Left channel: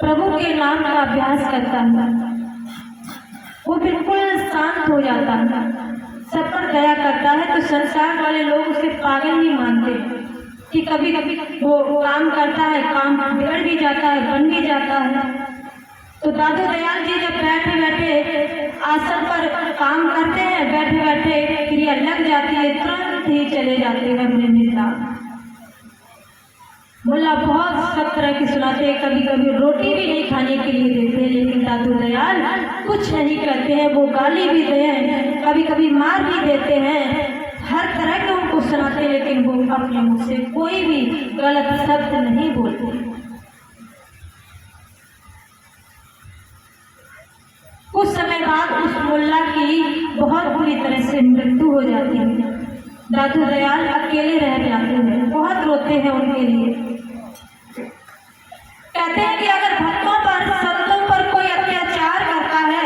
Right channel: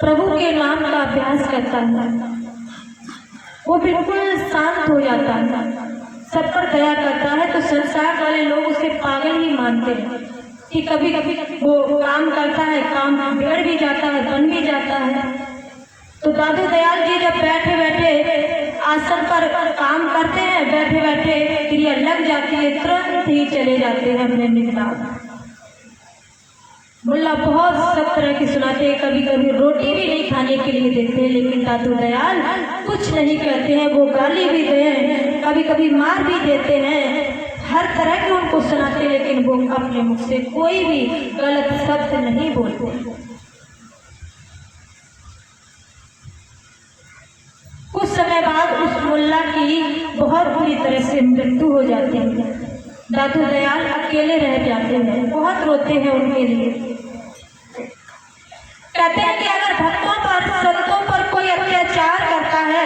प्रभु के नाम का अभ्यास करता है वो बिल्कुल शांत हो जाता है, सब पर दया करता है। तो संसार वाले लोग उसे पागल ही मानते हैं कि कभी कभी वो काम करता है, काम बिगड़ भी जाता है, बन भी जाता है। तो दादू दयाल जी जब बैठे बैठे आसन पर काम करते हैं, बैठे बैठे क्रिया लग जाती है, तुरंत ही चले जाते हैं अपने मिजाज। मुल्ला बहुत सब तरह की सुनाते हैं, कभी कभी रोटी भी नहीं खाने के लिए देते हैं, लेकिन दादू दयाल कुछ नहीं कहते हैं। वो गाली भी दें, कभी कभी मार भी देते हैं, हर तरह के उनको सुनाते, लेकिन वो अपने मुख से कोई भी गलत शब्द नहीं बोलते। कुछ समय बाद उस मुल्ला की बहुत बुरी तरह से मृत्यु हो जाती है। दादू दयाल अकेले रह जाते हैं, बहुत रोते हैं उनके लिए। कहते हैं कि अगर भक्तों पर, संतों पर कोई अत्याचार करता है,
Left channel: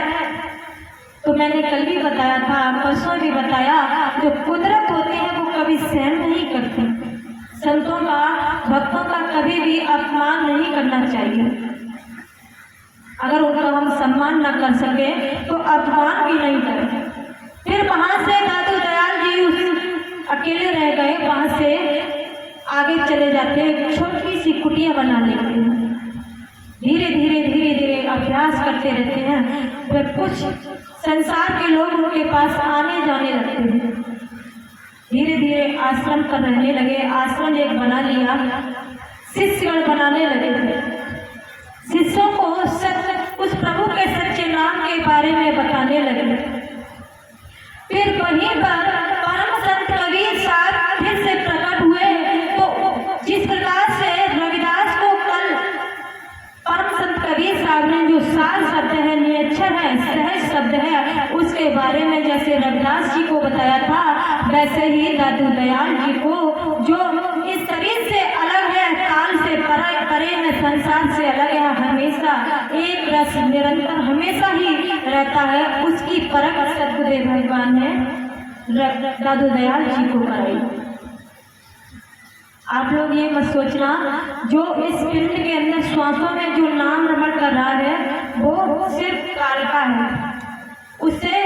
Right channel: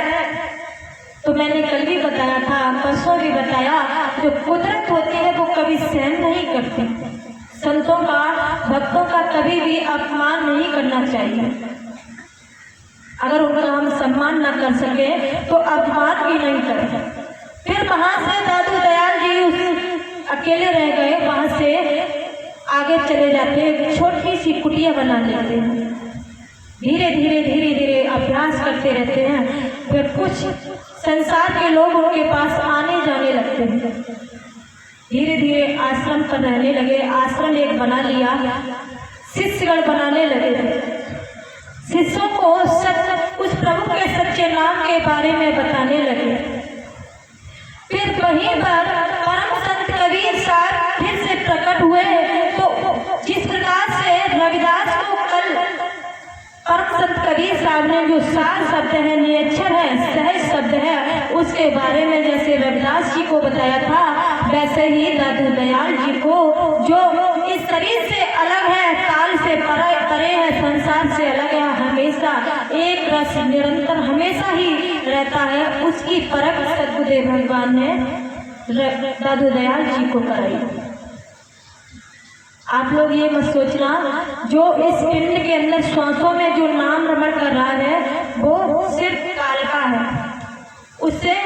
तो मैंने कल भी बताया था, परसों भी बताया, जो कुदरत होती है वो कभी सहन नहीं करती। संतों का, भक्तों का कभी भी अपमान नहीं करना चाहिए। अगर उनका हम सम्मान न कर सके तो अपमान भी नहीं करें। फिर वहां से दादू दयाल जी उस अकेले रह गए, वहां से आगे चले जाते हैं, छोटी सी कुटिया बना लेते हैं। धीरे धीरे धीरे धीरे अभ्यास करते रहते हैं। फिर कुछ संसार के लोग उनके पास आने जाने लगते हैं। धीरे धीरे आश्रम पर रहने लगे, आश्रम एक बना लिया, शिष्यगण बनाने लगे थे। शिष्यों को उस प्रभु के सच्चे नाम के बारे में बताने लगे। फिर वहीं पर परम संत कबीर साहब फिर से प्रकट हुए। तो जिस प्रकार से रविदास को कल परम संत कबीर साहब ने जो सार शब्द है, नियच्छर है, सहज शब्द है, उसके बारे में जैसे रविदास जी को बताया था, वैसे ही दादू दयाल जी को, जो इस शरीर से अलग है, काल से परे है, संसार से अलग है, हमेशा एक रस निरंतर हमेशा ही रहता है, उसकी परख सद्गुरुदेव भगवान ने दादू दयाल जी को कराई। आप लोग ये मत सोचना, जो इस पिंड के अंदर श्वासों में जो नाम रमण कर रहा है वो सिर्फ काल का है, उससे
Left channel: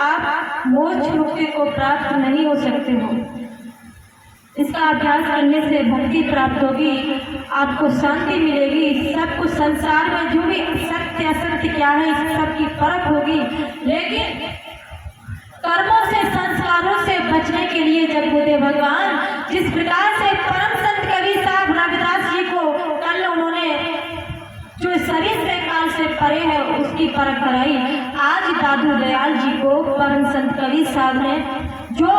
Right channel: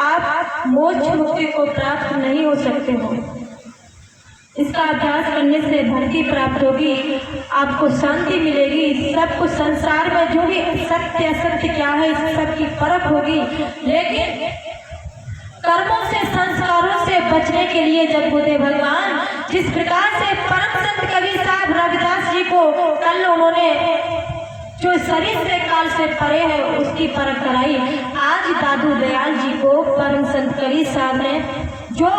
आप मोक्ष मुक्ति को प्राप्त नहीं हो सकते हो। इसका अभ्यास करने से भक्ति प्राप्त होगी, आपको शांति मिलेगी, सब कुछ संसार में जो भी सत्य असत्य क्या है इस सब की परख होगी। लेकिन कर्मों से, संस्कारों से बचने के लिए जब गुरुदेव भगवान जिस प्रकार से परम संत कबीर साहब रविदास जी को कल उन्होंने जो शरीर से काल से परे है उसकी परख कराई, आज दादू दयाल जी को परम संत कबीर साहब ने जो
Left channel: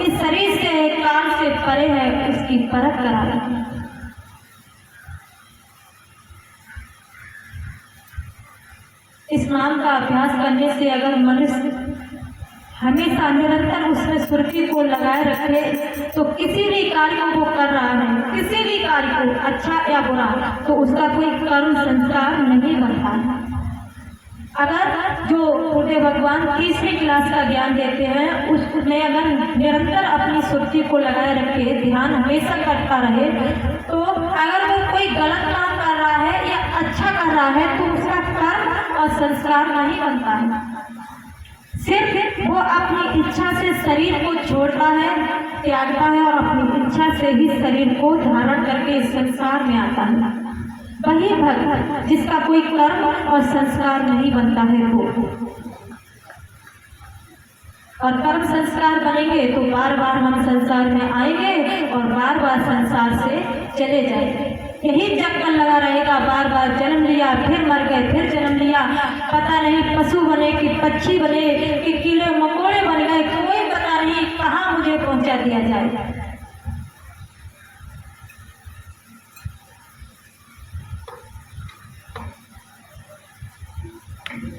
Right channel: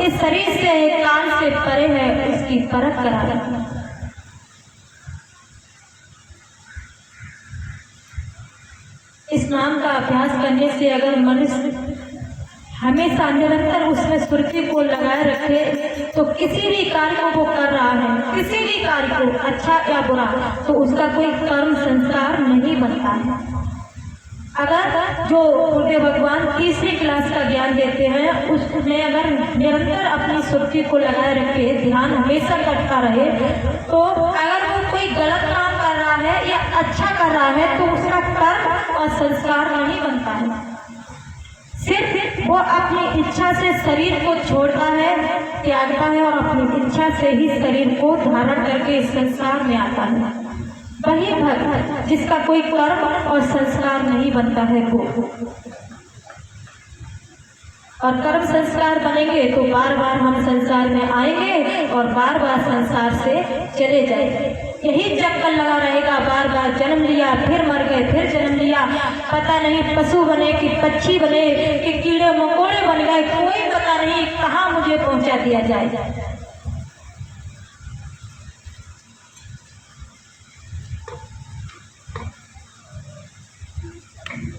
इस शरीर से काल से परे है उसकी परख कराई। इस नाम का अभ्यास करने से अगर मनुष्य हमेशा निरंतर उसमें सुर्खी को लगाए रखे, तो किसी भी कार्य को वो कर रहा है, किसी भी कार्य को अच्छा या बुरा, तो उसका कोई कर्म संस्कार नहीं बनता है। अगर जो गुरुदेव भगवान तीसरी क्लास का ज्ञान देते हैं, उसमें अगर निरंतर अपनी सुर्खी को लगाए रखे, ध्यान हमेशा करता रहे, तो अगर वो कोई गलत काम कर रहा है या अच्छा कर रहा है तो उसका कर्म और संस्कार नहीं बनता है। सिर्फ वो अपनी इच्छा से शरीर को छोड़ता है, त्यागता है और अपनी इच्छा से ही शरीर को धारण करके इस संसार में आता है। वही भक्त जिसका कोई कर्म और संस्कार नहीं बनता है वो, और कर्म संस्कार बनेंगे तो बार बार हम संसार में आएंगे और बार बार संसार से चले जाएंगे। यही चक्कर लगा रहेगा, बार बार जन्म लिया, फिर मर गए, फिर जन्म लिया, पता नहीं पशु बने कि पक्षी बने कि कीड़े मकोड़े बन गए, कोई पता नहीं कहाँ मुझे पहुंचा दिया जाए।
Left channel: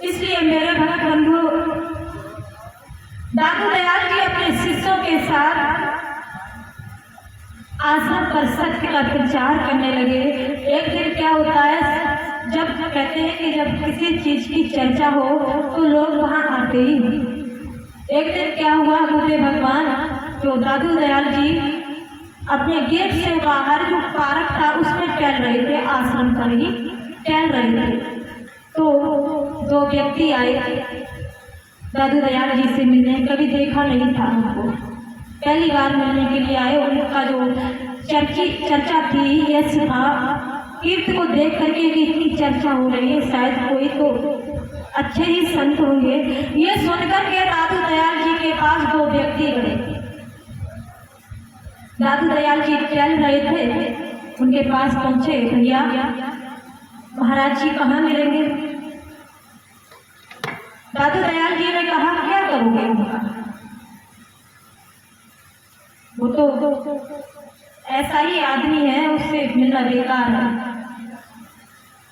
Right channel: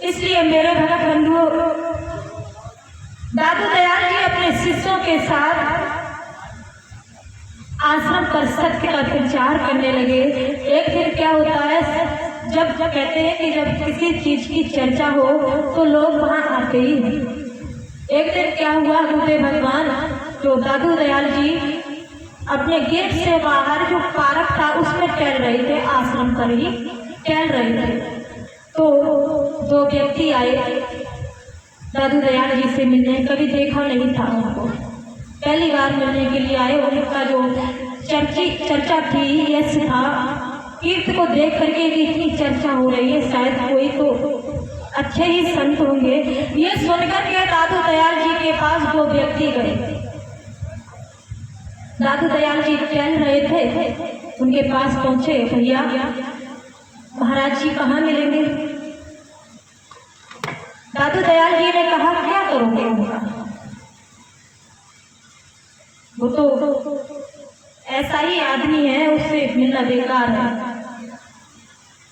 इसलिए मेरे भक्त बंधु, दादू दयाल जी अपने शिष्यों के साथ आश्रम पर सत्य का प्रचार करने लगे। एक दिन क्या होता है, जब कहते हैं कि जब किसी चीज की चर्चा हो तो लोग वहां आते ही। एक दिन क्या हुआ, गुरुदेव भगवान जो दादू दयाल जी अपने गेट से बाहर जो पार्क था उसमें टहल रहे थे आश्रम पर ही। टहल रहे थे तो दो व्यक्ति आए दादू दयाल जी से मिलने। कभी देखा नहीं था उनको, पहली बार मिलने के लिए आए। उनका जो चर्चा थी, यश था, कीर्त को देख करके भी इतनी चर्चा हो रही है, शायद कोई तो अच्छे ही संत होंगे। ये सुनकर के दादू दयाल जी के पास दो व्यक्ति गए। दादू दयाल जी चल रहे थे, उनके पास पहुंचे। भैया महाराज जी कहाँ मिलेंगे? दादू दयाल जी ने कहा क्या करोगे उनका? वो तो ऐसा ही आदमी है, उससे मिलना बेकार है।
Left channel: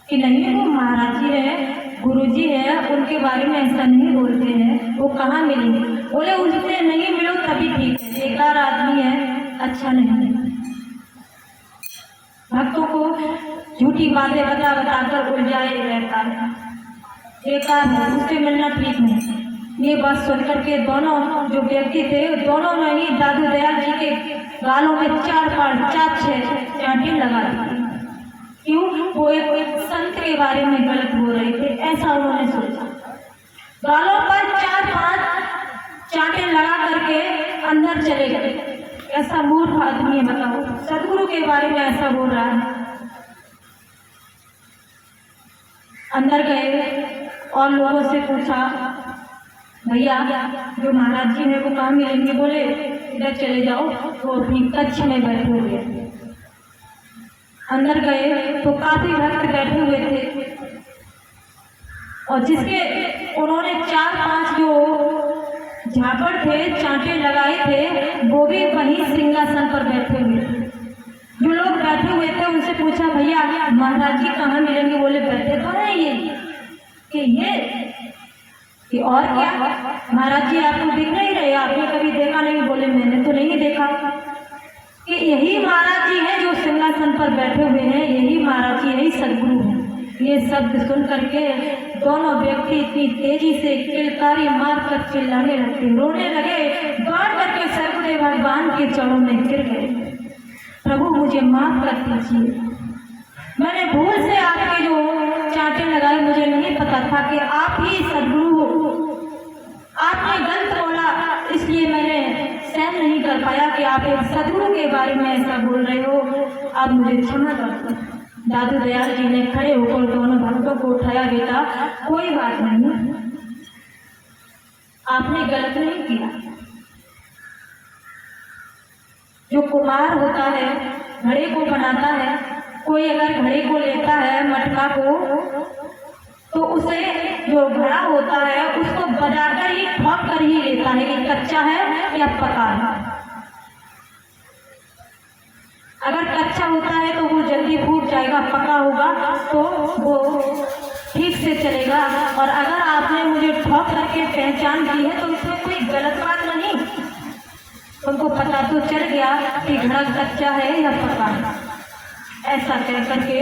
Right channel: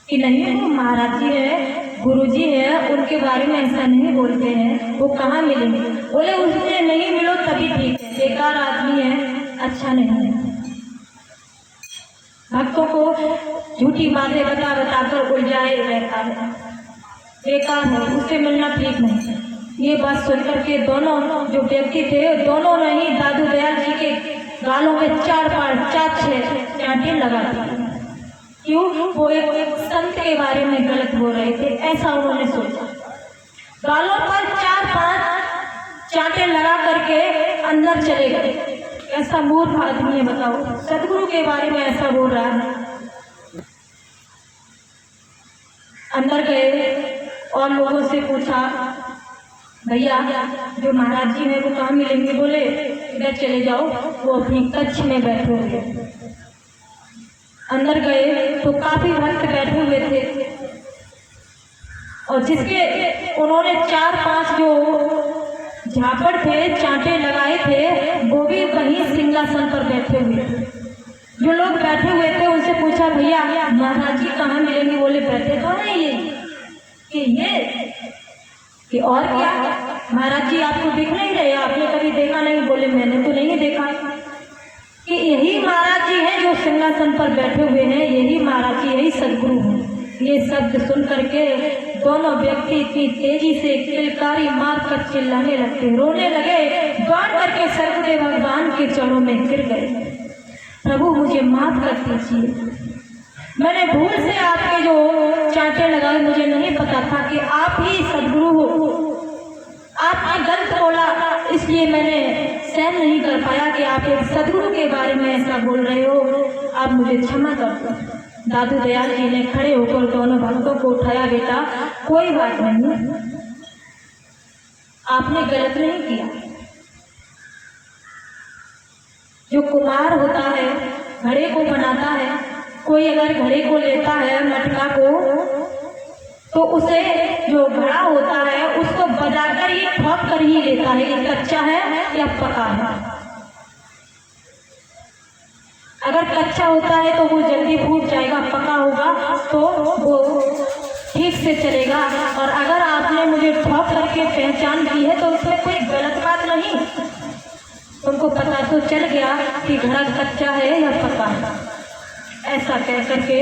कि नहीं, वो महाराज जी है, गुरु जी है, उनके बारे में ऐसा नहीं बोलते हैं, वो कहाँ मिलेंगे? बोले उससे नहीं मिलो तभी ठीक है, बेकार आदमी है, अच्छा नहीं है। भक्तों को झूठी बातें बता बताकर उलझाए रहता है, बेकार है, उससे मिलना ठीक नहीं। ये बात सुनकर के दोनों जो व्यक्ति थे, दोनों ने ही दादू दयाल जी के गालों में 4-5 चांटे लगा दी। क्यों? वो एक संत के बारे में गलत बोल रहे थे, ऐसा उन्होंने सोचा। गालों पर 4-5 चांटे लगा करके अंदर चले गए। ऐसा मूर्ख आदमी है, बताओ, सदगुरु के बारे में ऐसा बोल रहा है। अंदर गए और लोगों से पूछा, भैया जो महाराज जी है वो कहाँ मिलेंगे? बोले इधर चले जाओ, वो अपनी कक्ष में बैठे हुए। अंदर गए तो काफी भक्त बैठे हुए थे और जिसके उन्होंने 4-5 जो झापड़ थे, चांटे लगाए थे, वो भी वहीं सिंहासन पर बैठे हुए। जो लोग बैठे हुए थे उनसे पूछा, भैया महाराज जी कहाँ मिलेंगे? बोले बैठे कहाँ है ये और क्या? महाराज जी आपको दिख नहीं रहे? आपने कभी देखा नहीं? बोले मैंने तो नहीं देखा। कि यही महाराज जी हैं जो सिंहासन पर बैठे हुए हैं, यही महाराज जी, यही सदगुरु हैं। ये शब्द सुन करके दोनों व्यक्ति इतनी तेजी से किलकारी मार कर चिल्लाने लगे, रोने लगे, दौड़ करके सर्वदेव भगवान के चरणों में गिर गए। प्रभु मुझे माफ कर दीजिए, मैंने भूल से आपके जो चांटे लगाए, मुझे नहीं पता था कि आप ही सदगुरु हो। आपने गलत बोला, इसलिए मैंने सहन नहीं कर पाया कि आप एक सदगुरु के बारे में ऐसा बोल रहे हो, आप मुझे क्षमा कर दो। दादू दयाल जी ने खड़े होकर दोनों भक्तों को उठाया, बेटा कोई बात नहीं, आपने गलत नहीं किया। जो कुम्हार होता है, घड़े को बनाता है, कोई अगर घड़े को लेता है, मटका को, तो उसे जो घड़ा होता है उसको बजाकर ही ठोक कर ही लेता है, ये कच्चा है या पका है। अगर कच्चा होता है तो वो जल्दी फूट जाएगा, पका होगा तो वो ठीक से चलेगा। और अगर आपने मुझे ठोक करके पहचान की है तो उसमें कोई गलत बात नहीं, तुमको पता तो चल गया कि घड़ा कच्चा है या पका है। ऐसा कह करके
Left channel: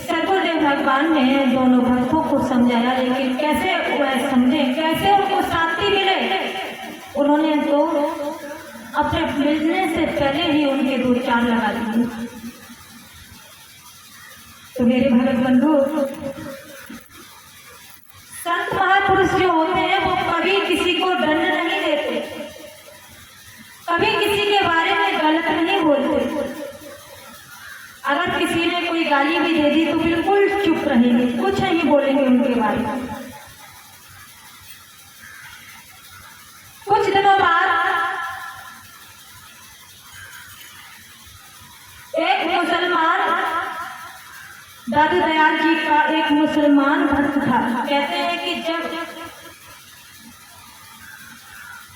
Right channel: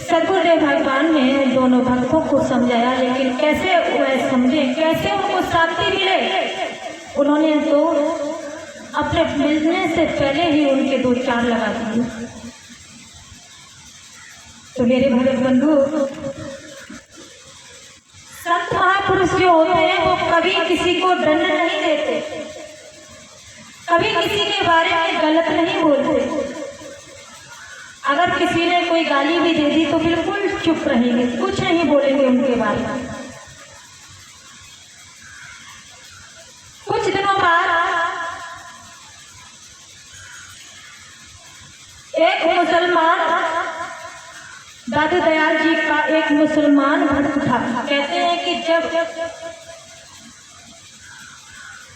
सदगुरुदेव भगवान ने दोनों भक्तों को समझाया, लेकिन कैसे वह समझे, कैसे उनको शांति मिले? उन्होंने तो अपने मिलने से पहले ही उनके 2-4 लगा दिए। तो मेरे भक्त बंधु, संत महापुरुष जो होते हैं वो कभी किसी को दंड नहीं देते, कभी किसी के बारे में गलत नहीं बोलते। अगर किसी ने कोई गाली भी दे दी तो बिल्कुल चुप रहेंगे, कुछ नहीं बोलेंगे उनके बारे में। कुछ दिनों बाद एक मुसलमान, दादू दयाल जी का एक मुसलमान भक्त था। कहते हैं कि जब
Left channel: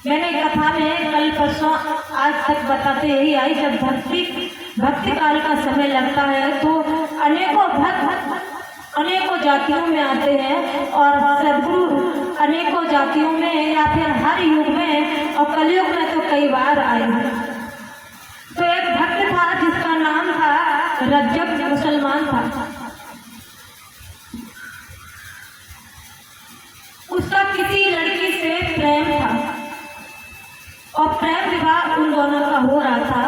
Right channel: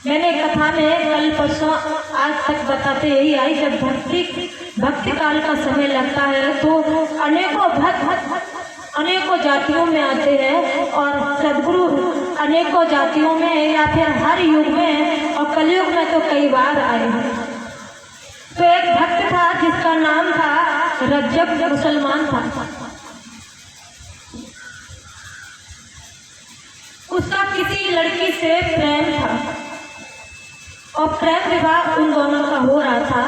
मैंने कथा में कल परसों आज तक बताते यही आई, जब भक्ति काल का समय लगता है तो अनेकों भक्त अनेकों जातियों में आते हैं और सदगुरु अनेकों जातियों में या फिर हर युग में और कलयुग में तो कई बार आए हैं। तो एक भक्त था जिसका नाम था रज्जब, मुसलमान था। उसका किसी लड़की से प्रेम था और प्रेम विवाह उन दोनों का हो रहा था।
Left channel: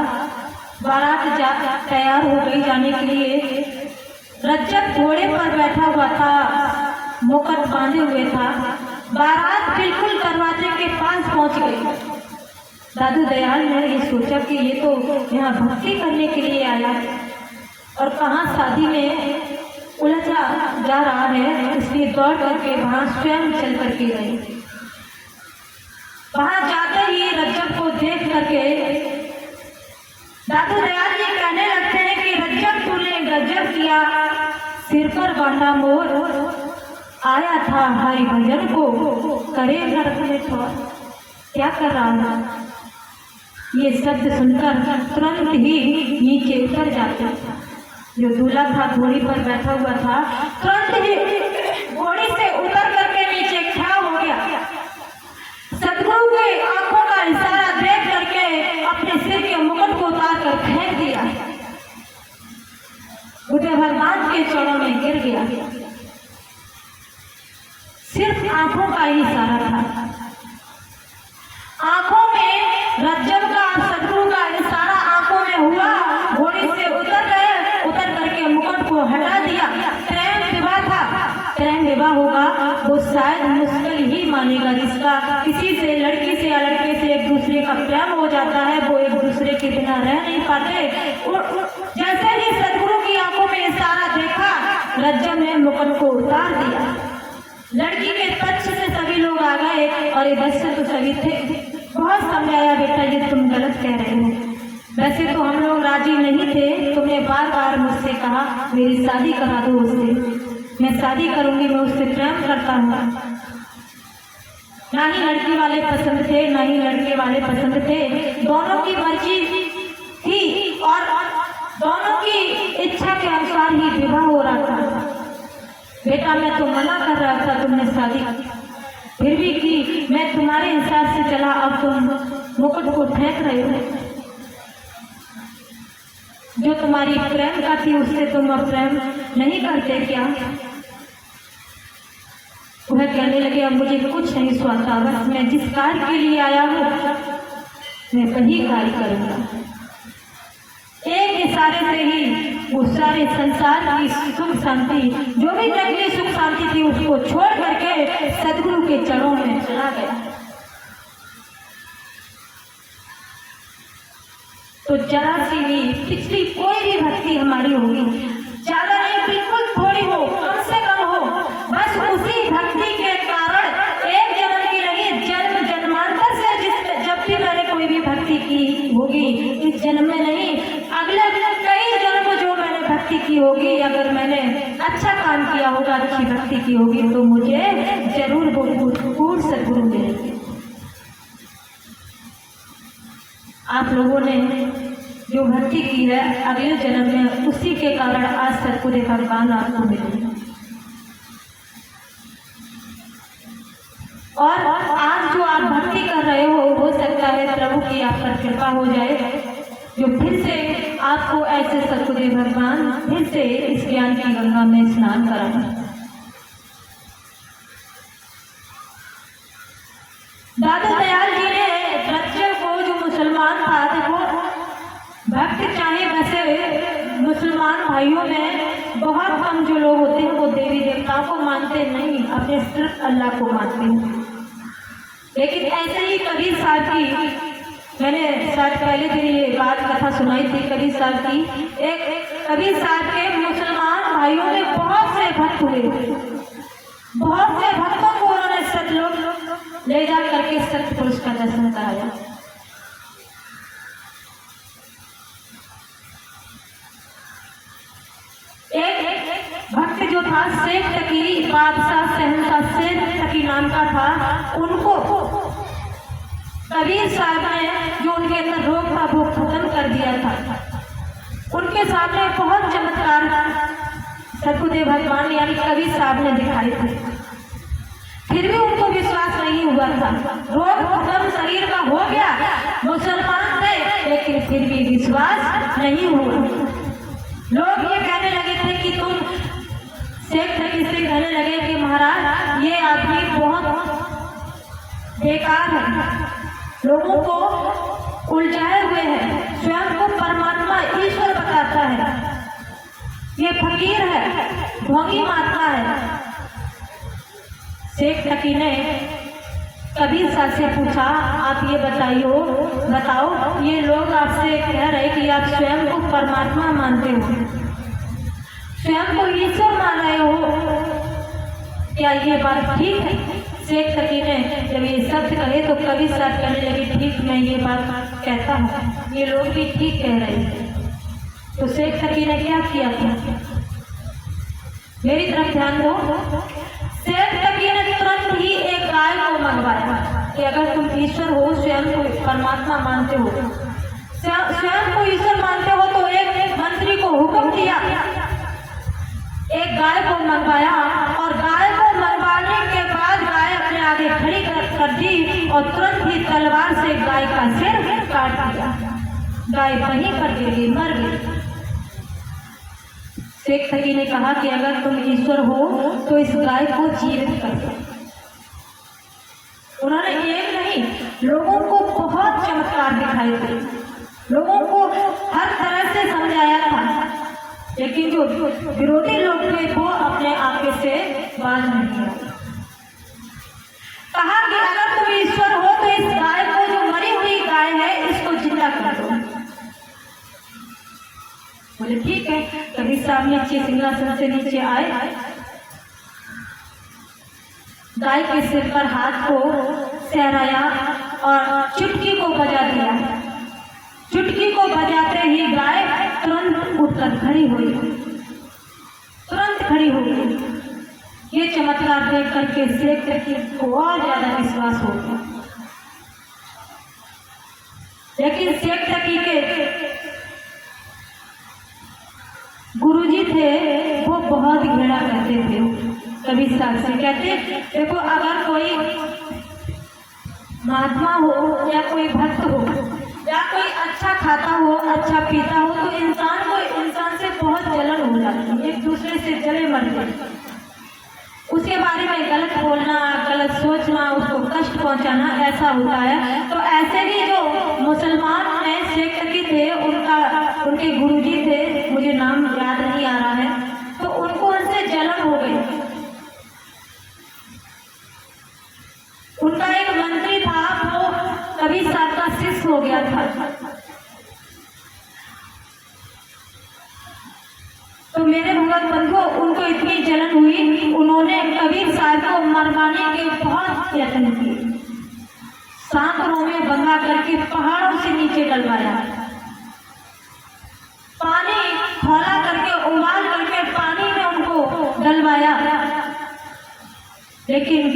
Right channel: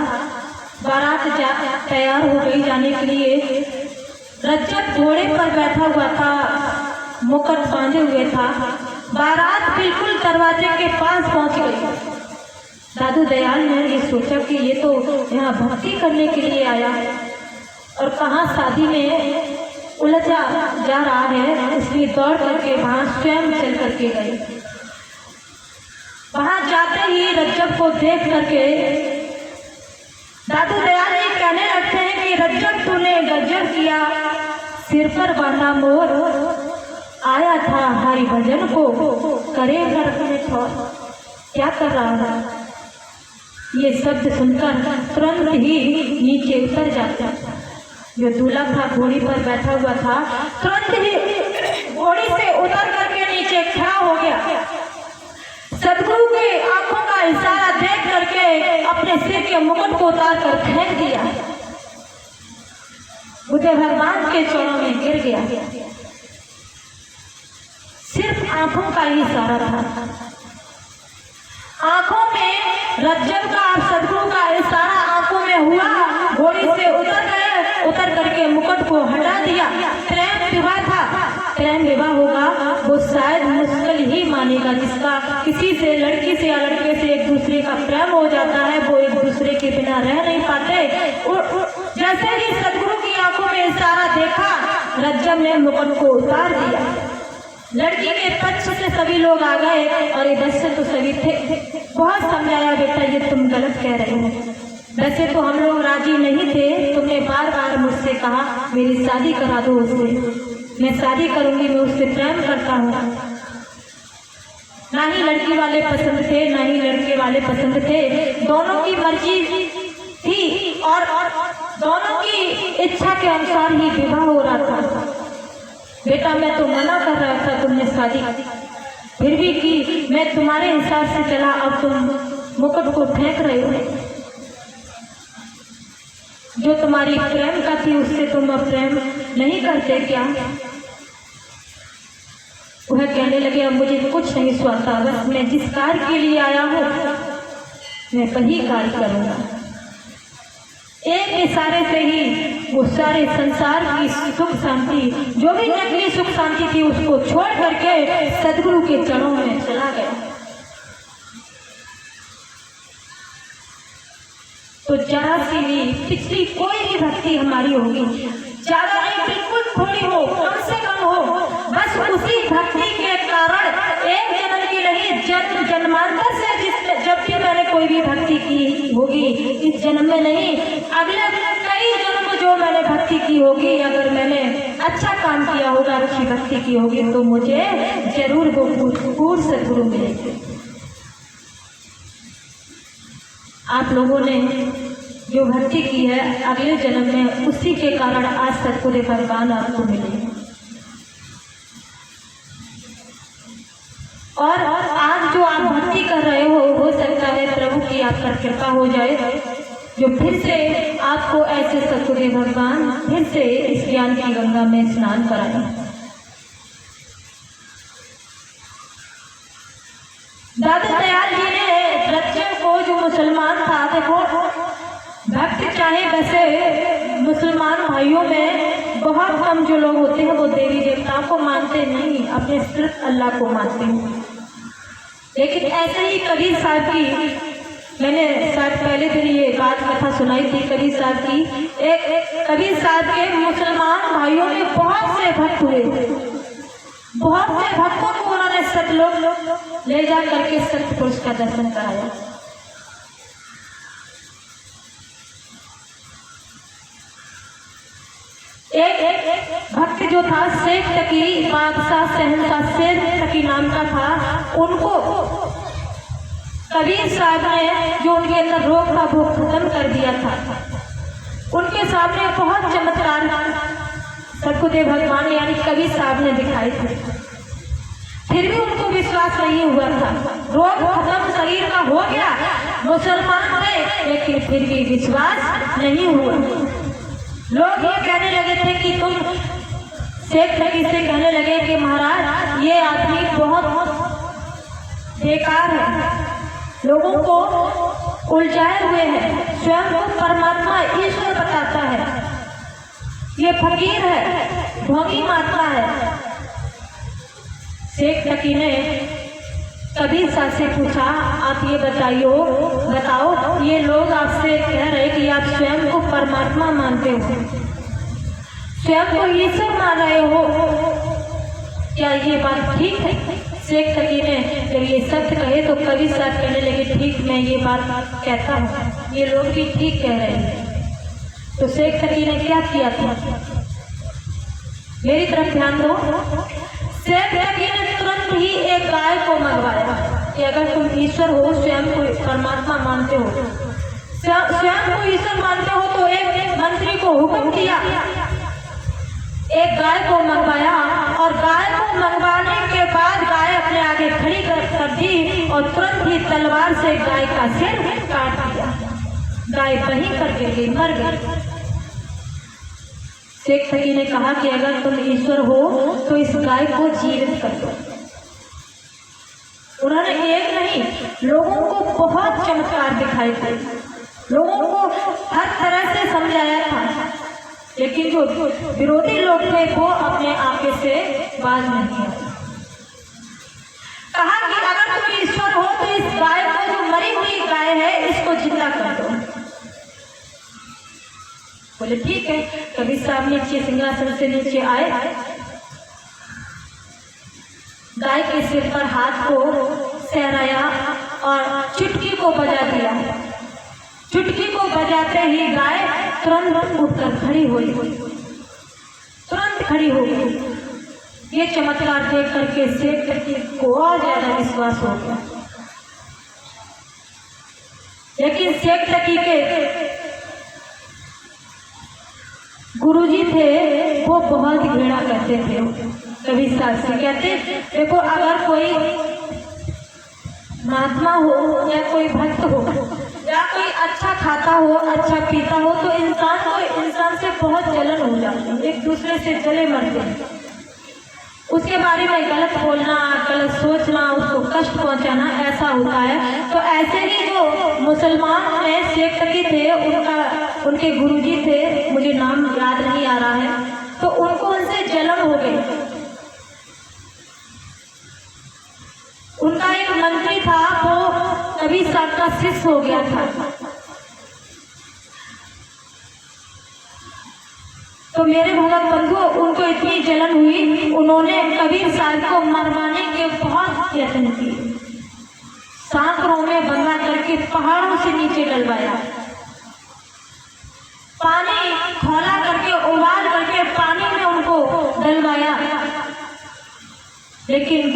बारात तैयार हो गई जाने के लिए, रज्जब घोड़े पर बैठा हुआ था, मुकुट बांधे हुए था। बारात बिल्कुल दरवाजे के पास पहुंच गई। दादू दयाल ने ये सोचा कि ये तो यहाँ भक्ति करने के लिए आया है और कहाँ शादी में उलझा जा रहा है, इसलिए दौड़ करके वहां स्वयं चल करके गए। वहां जाते ही रज्जब को देख करके दादू दयाल जी कहने लगते हैं कि रज्जब तूने गजब किया, सिर पर बांधा मोर, आया था हरि भजन को, करे नरक में छोड़, क्या कर रहा है। ये शब्द सुनकर तुरंत ही नीचे उतर जाता। जो दूल्हा था घोड़ी पर बैठा हुआ था, तुरंत ही घोड़ी से उतर करके नीचे खड़ा हो गया। सदगुरु के आंखों का इशारा देख करके अपने सिर के मुकुट को उतार कर फेंक दिया, बुद्ध भगवान के चरणों में गिर गया। सिर्फ आंखों का ही इशारा था। आंखों में रज्जब का सदगुरु का इशारा आंखों में हुआ, घोड़ी से उतर गए, उतर करके मुकुट को हटा दिया। प्रेम विवाह था, प्रेम विवाह होगा वो शायद मुश्किल ही मानेगा रिश्ता। किसी से, लड़की से या लड़के से एक दूसरे का प्रेम हो जाता है, वो एक दूसरे के बिना रह नहीं पाते। जैसे ही सदगुरु की आंखों में इशारा देखा, रज्जब ने मुकुट को उतार दिया। लड़की के पक्ष से सभी लोग आ गए और ये बच्चे तो सभी थे। बहुत समझाया, बेटा ये तुम गलत कह रहे हो, वैसे तो हम लोग राजी नहीं थे, तुमने बार बार मुझसे कहा मेरी शादी करा दो उससे, मैं शादी करूंगी, मैं उससे प्रेम करता हूँ। ना ही लड़की वाले पसंद थे, ना ही लड़के वाले पसंद थे, दोनों की मर्जी थी और दोनों की इच्छा के अनुसार ही विवाह हो रहा था। बेटा मैं तो मना कर रहा था तुमने शादी, फिर भी की, मैं तुम्हारे हिसाब से चला, अब तुम मुकुट को फेंक रहे हो। जो तुम्हारी प्रेम का थी उससे तुम अब प्रेम नहीं करते क्या। वह कहने लगे अब मुझे कुछ नहीं सुहाता, बस मैं जिस कार्य के लिए आया हूँ मैं वही कार्य करूंगा। एक इशारे से ही वो सारे संसार की सुख शांति, जो भी नकली सुख शांति थी, उसको छोड़ करके सदगुरु के चरणों में चला गया। तो जरा सी भी पिछली कोई भी भक्ति हमारी होगी, ज्यादा नहीं, बिल्कुल थोड़ी हो, कम से कम हो, बस उसी भक्ति के कारण एक जन्म की नहीं, जन्म जन्मांतर से जब भी मैंने कोई भी भक्ति की होगी, इस जन्म में नहीं, अगले कई जन्म जो मैंने भक्ति की होगी, अगर मैंने अच्छा काम किया होगा, अच्छी भक्ति की होगी, तो मुझे जरूर वो सदगुरु मिलेंगे। आप लोगों ने जो भक्ति की है, अगले जन्म में उसी के कारण आज सदगुरु भगवान आपको मिले। और आज जो आप भक्ति कर रहे हो सकता है प्रभु की आप पर कृपा हो जाए, जो फिर से आपको ऐसे सदगुरु भगवान फिर से इस ज्ञान की गंगा में स्नान कराना। दादा दयाल जी ने रज्जब को, जो मुसलमान था, देखो भक्त चाहे वैसे मुसलमान भाइयों में बहुत कम जो लोग होते हैं वो देवी देवताओं को मानते नहीं, अपने सिर्फ अल्लाह को मानते हैं। लेकिन ऐसे ही कबीर साहब की, मैंने शायद पहले दिन ये बात कथा सुनाई थी कबीर साहब की। एक कबीर साहब के मुसलमान भाइयों में बहुत से भक्त हुए, बहुत से भक्तों को उन्होंने सतलोक ले जा करके सत्य पुरुष का दर्शन कराया। एक भक्त जो था शेख तकी, बादशाह शहनशाह शेख तकी नाम का था, उनको कबीर साहब ने, जो उनके अंदर रोग था वो खत्म कर दिया था। उनके सामने बहुत चमत्कार सदगुरु भगवान यानी कबीर साहब ने दिखाए थे, फिर भी उनको विश्वास नहीं हुआ था। रोग खत्म शरीर का हो गया, मुसलमान थे, लेकिन फिर भी विश्वास नहीं हुआ। लोग ये कहने लगे थे कि तुम शेख तकी से कहने लगे कि महाराज ये आदमी बहुत बेकार है, लोगों को उलझाए हुए है, स्वयं को परमात्मा ईश्वर बताता है, ये फकीर है, ढोंगी मारता है। शेख तकी ने कबीर साहब से पूछा, आप ये बताओ ये लोग आपसे कह रहे कि आप स्वयं को परमात्मा मानते हो, स्वयं को ईश्वर मान रहे हो, क्या ये बात ठीक है? शेख तकी ने जब ये शब्द कहे तो कबीर साहब कहने लगे, ठीक, मैं ये बात कहता हूँ, ये लोग भी ठीक कह रहे हैं। तो शेख तकी ने क्या किया था, मेरी तरफ ध्यान दो। शेख तकी ने तुरंत ही एक गाय को मंगवाया कि अगर तुम ईश्वर हो, स्वयं को परमात्मा मानते हो, स्वयं को ईश्वर मानते हो, तो एक मंत्री को हुक्म किया, एक गाय को मंगवाया और गाय को मंगवाने के बाद गाय अपने आगे खड़ी कर दी और तुरंत ही तलवार से गाय का सिर काट दिया। गाय वहीं पर गिर गई, मर गई। शेख तकी ने कहा कि अगर तुम ईश्वर हो तो इस गाय को जीवित कर दो। उन्होंने एक नहीं, लोगों को बहुत चमत्कार दिखाए थे, लोगों को हर तरह से समझाया था, लेकिन जो विरोधी लोग थे वो अपने आपे से बाज नहीं आए। कहा कि अगर तुम ईश्वर हो तो इस गाय को, जो मरी हुई गाय है, इसको जिंदा कर दो। बोले ठीक है। कबीर साहब नीचे सिंहासन से नीचे आए, गाय के सिर पर हाथ को सहराया और चुटकी को बजा दिया। चुटकी को बजाते ही गाय तुरंत उठकर खड़ी हुई, तुरंत खड़ी हो गई। ये चमत्कार देख करके शेख तकी को और ज्यादा विश्वास हो गया। लेकिन शेख तकी के गुरुजी थे, वो बहुत घृणा करते थे कबीर साहब से। कहते, देखो अगर कोई महात्मा हो या कोई भक्त हो या कोई अच्छा खाता हो, अच्छा पीता हो, तो इंसान को इंसान से बहुत जलन हो जाती है, एक दूसरे से जले मरते हैं। उसके बारे में गलत बोलना, गलत सोचना, उसको कष्ट पहुंचाना, ऐसा होता है। तो ऐसे ही जो मुसलमान में शेख तकी थे, उनके गुरुजी थे, मुझे नाम याद नहीं आ रहा है, तो उनको उनसे जलन हो गई। उनका एक मंत्री था, वो कबीर साहब का शिष्य हो गया था। तो मेरे भगत बंधु, उनको इतनी जलन हुई, उन्होंने कबीर साहब को मरवाने के बहुत यत्न किए। सांकरों में बंधा करके पहाड़ों से नीचे डलवाया, पानी खौला करके, उबाल करके पानी में उनको डलवाया। लेकिन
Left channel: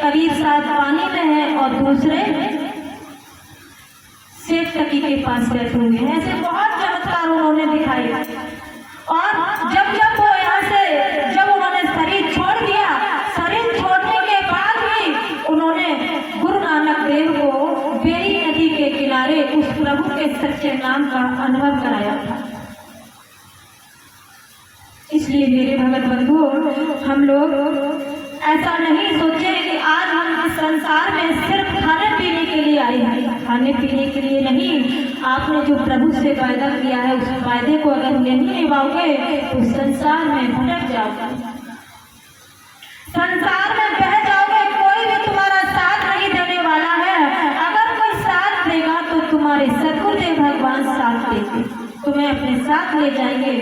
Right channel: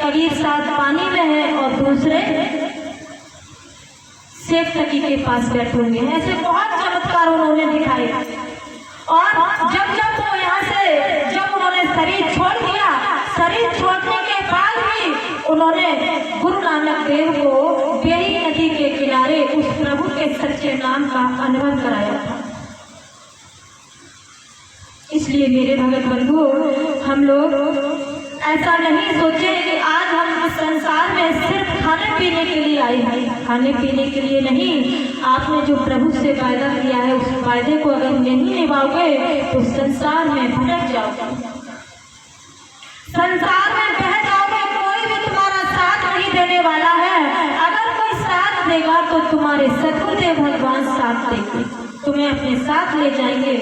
कबीर साहब पानी में है और दूसरे शेख तकी के पास बैठे हुए हैं। ऐसे बहुत चमत्कार उन्होंने दिखाए। और जब वो यहाँ से, जब उन्होंने शरीर छोड़ दिया, शरीर छोड़ने के बाद भी उन्होंने गुरु नानक देव को बेरी नदी के किनारे उस प्रभु के सच्चे नाम का अनुभव कराया था। इसलिए मेरे भगत बंधु, हम लोग ऐसा नहीं सोचे कि आज हम इस संसार में सिर्फ खाने पीने के लिए आए हैं, खाने पीने के लिए नहीं। आपने जो प्रभु से वायदा किया है, उस वायदे को अगर नहीं निभाओगे तो संसार में भटक जाओगे, संसार में बह जाओगे। कोई भी तुम्हारा साथ नहीं देने वाला है। अगर कोई साथ देगा तो तुम्हारे सद्गुरुदेव भगवान साथ देंगे, तुम्हें अपने साथ ले जाएंगे।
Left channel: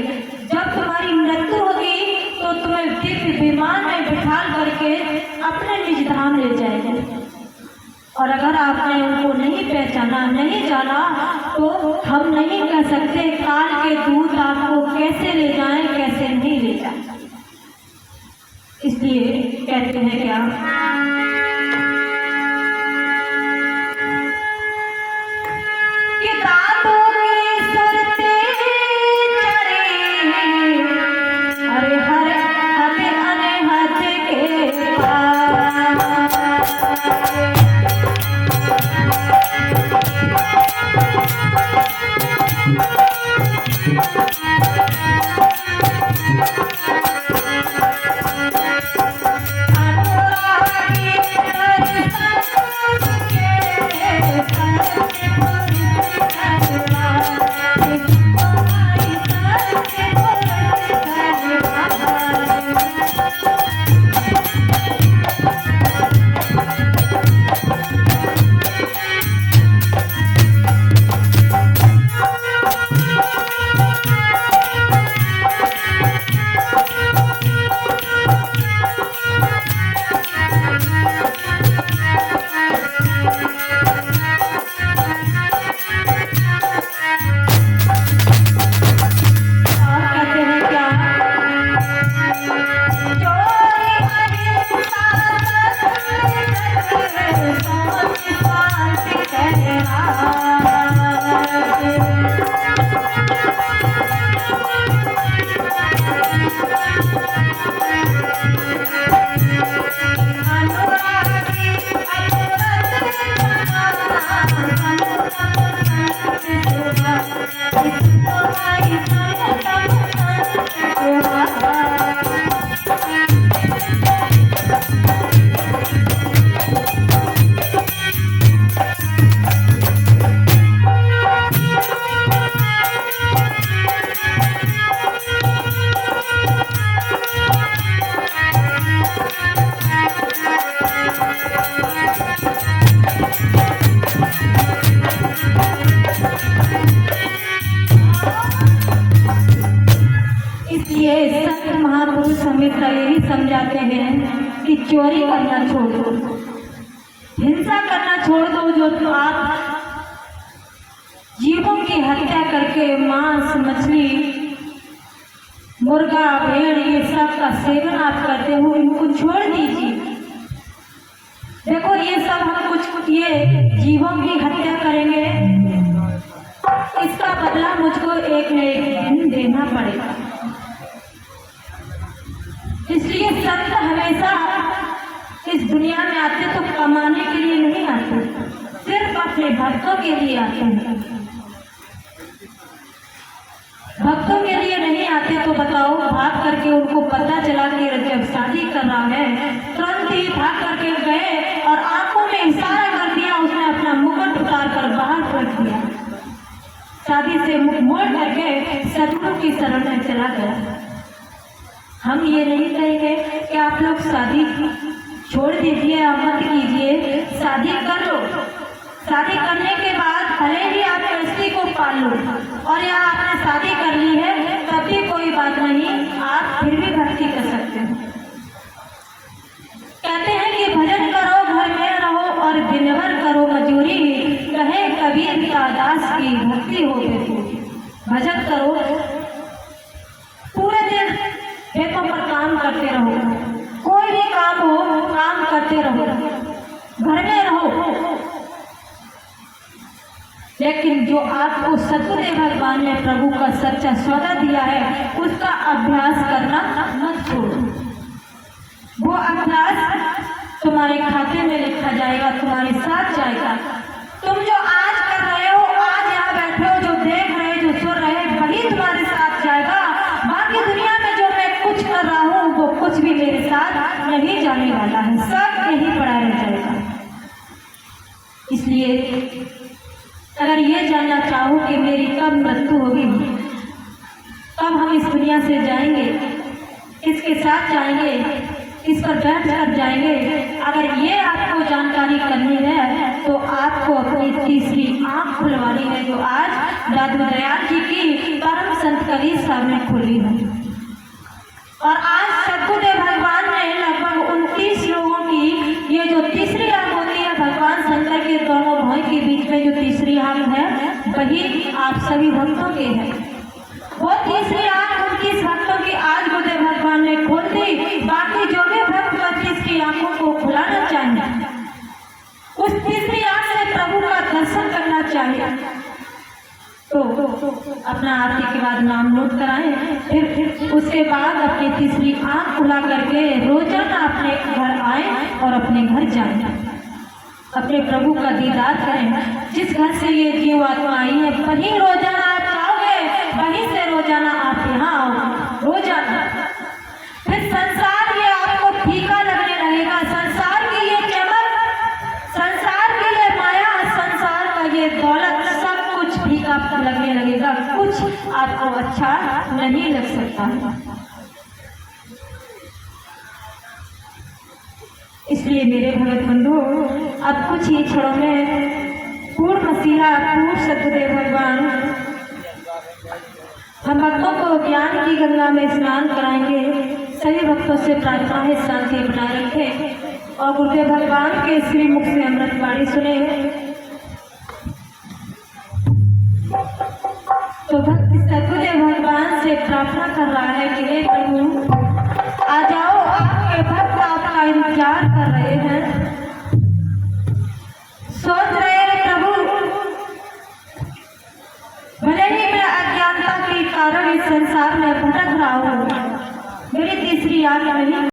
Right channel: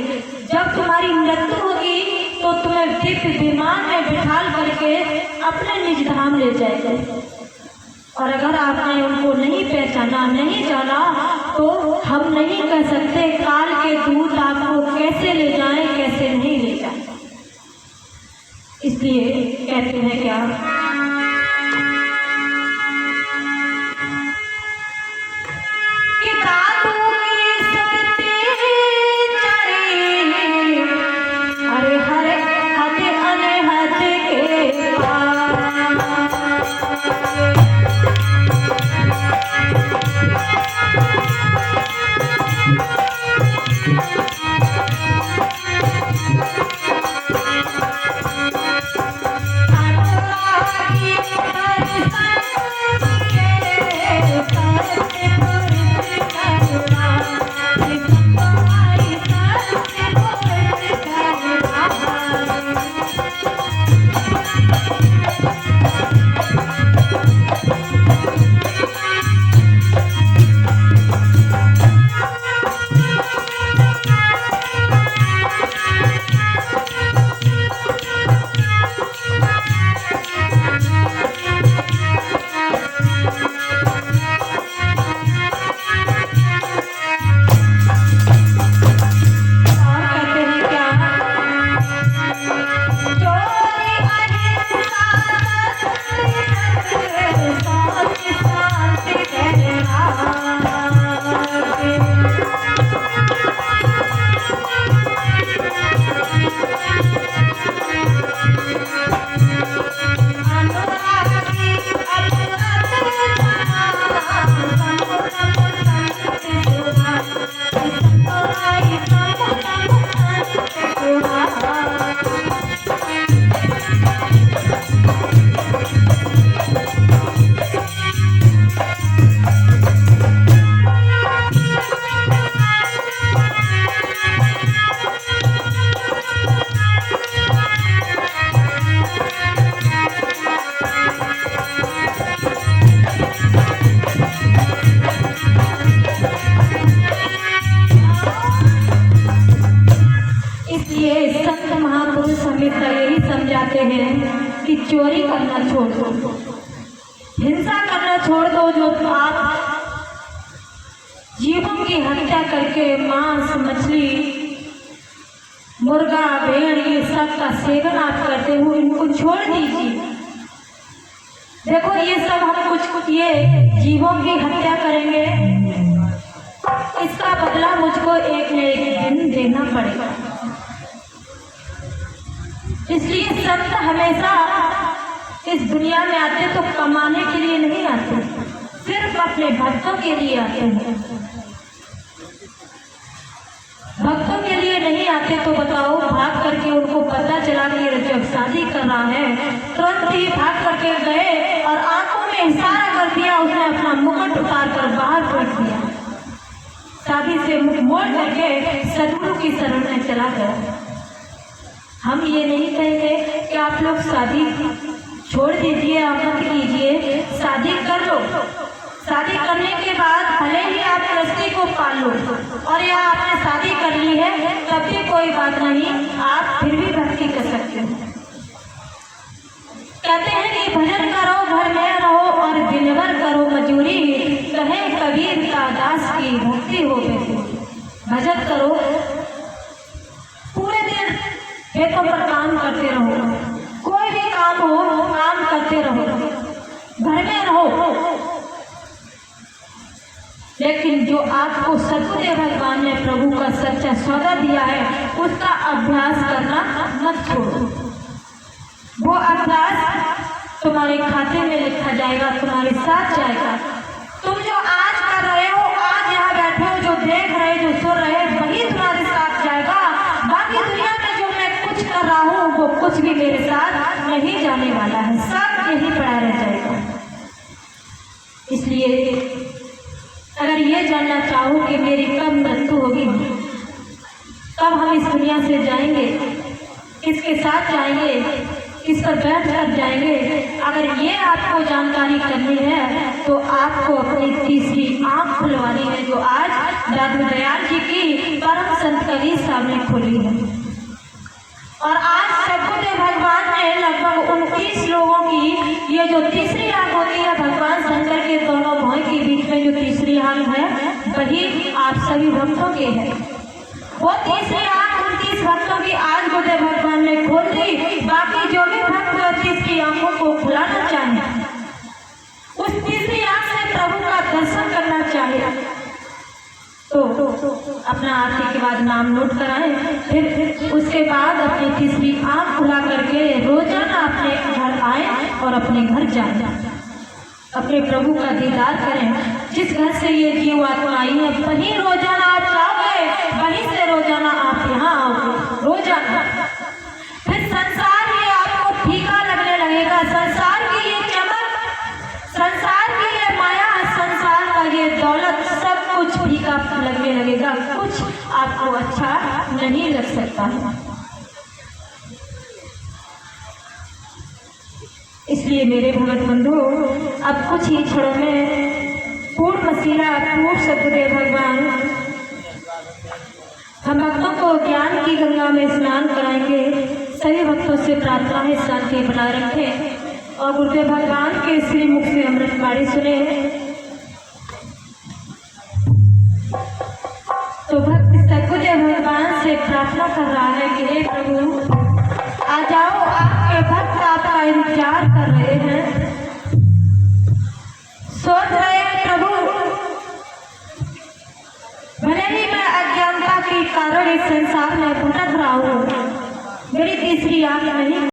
जब तुम्हारी मृत्यु होगी तो तुम्हें दिव्य विमान में बिठाल करके अपने निज धाम ले जाएंगे। और अगर आपने उनको नहीं पहचाना, नहीं जाना, तो हम नहीं कह सकते काल के दूत आपको कैसे ले जाएं, कैसे नहीं ले जाएं। इसलिए कहते हैं क्या, बाबा यही समझाते हैं कि चोरी करना छोड़ दो, हिंसा करना छोड़ दो। जो आप जीवों की हत्या करके मांस, मछली, मुर्गा, भेड़ ये सब का सेवन आप करते हो, इनको छोड़ दीजिए। देखो ये सब हम कुछ ये जीवों की हत्या करेंगे, इसका बदला मुझको एक न एक दिन देना पड़ेगा। इसलिए संत हमेशा इस दुनिया में आते तो कमाने के लिए नहीं आते, सिर्फ अपने भक्तों के लिए आते हैं। भक्तों के लिए नहीं आते तो बताओ, भाग करके उनको पता चला कि जब शादी कर रहा है तुरंत ही भाग करके गए और आंखों में इशारा कर दिया, उसने अपना मुकुट उतार कर बाहर फेंक दिया, शादी से मुख मोड़ करके सदगुरु की शरण में चला गया। हम ये नहीं कहेंगे कि आप लोग शादी छोड़ दीजिए, आप मत कीजिए, शादी कर लो। शादी करने के बाद भले ही आप गृहस्थी को पाल लो और या आपने शादी कर ली है तब भी कोई बात नहीं, आप फिर भी भक्ति कर सकते हैं। कहते हैं कि भजन करो घर में रहो और दिन भर करो मजूरी, कहे कबीर का दास की भक्ति हो गई। भजन करो, पूरे दिन खेतों पर काम करते रहो, कोई भी काम हो काम करते रहो, घर में रहो, लेकिन जो आपको सतगुरु भगवान ने प्रभु का सच्चा सौदा दिया है उसका अभ्यास करना मत छोड़ो। वो अभ्यास तुम्हारे खाते में लिखा जाएगा, तुम्हारे साथ जाएगा। तुम जो आज कर रहे हो, आज यहाँ बैठे हो, जो देख रहे, जो सुन रहे, वही तुम्हारे साथ जाएगा। बाकी दुनिया में जो मैं कुछ कर रहा हूँ वो कुछ भी मेरे साथ नहीं जाने वाला है, सब यही पड़ा रह जाएगा। इसलिए अगर ये जानना चाहो कि मेरी कब मृत्यु होगी, कब हम इस दुनिया से जाएंगे, किसके साथ जाएंगे, किस पर बैठ कर जाएंगे, अगर ये आपको जानकारी करनी है तो आपको अपनी तीसरी आंख खुलवानी है, जो आज दादू दयाल जी की परम संत कबीर साहब ने खोली है। और आज सतगुरु भगवान ने लगभग 29 लोगों की ये जो तीसरी आंख होती है, भगवान शंकर के दोनों भाई के बीच में जो तीसरी आंख है वही आप सभी भक्तों के है। वो तीसरी आंख 29 भक्तों की आज गुरुदेव भगवान ने खोल दी। बाकी जो भी भक्त इसकी आंखों को खुलाना चाहे, उस तीसरी आंख से प्रभु का दर्शन करना चाहे तो अपना आरती के बाद नाम नोट कराएं, फिर उसके बाद अपनी तीसरी आंख खुला करके रोजाना अपने घर आए और अपने घर जाए, अपने प्रभु का दीदार करें। जिस घर से ये जीव आत्मा आई है वहीं रोजाना आप जाओगे, वहीं से रोजाना आप यहाँ आओगे, रोजाना। फिर संसार ये आपको फीका लगने लगेगा, संसार की ये चमक, संसार की ये माया, संसार का ये दौलत, सब कुछ फीका लगने लगेगा, कुछ आपको अच्छा नहीं लग सकता है। इसलिए मेरे भगत बंधु, अब कुछ ही क्षणों में पूर्ण वसीला पूर्ण सतगुरु भगवान हम भक्तों को ज्ञान की गंगा में स्नान कराएंगे। सभी भक्तों से प्रार्थना है शांति बनाए रखें और गुरुदेव भगवान के श्री मुख से अमृत बाणी सुने। तो भक्त सतगुरु भगवान से प्रार्थना कर रहा है कि हे प्रभु आ जाओ, आपके भक्त आपका इंतजार कर रहे हैं।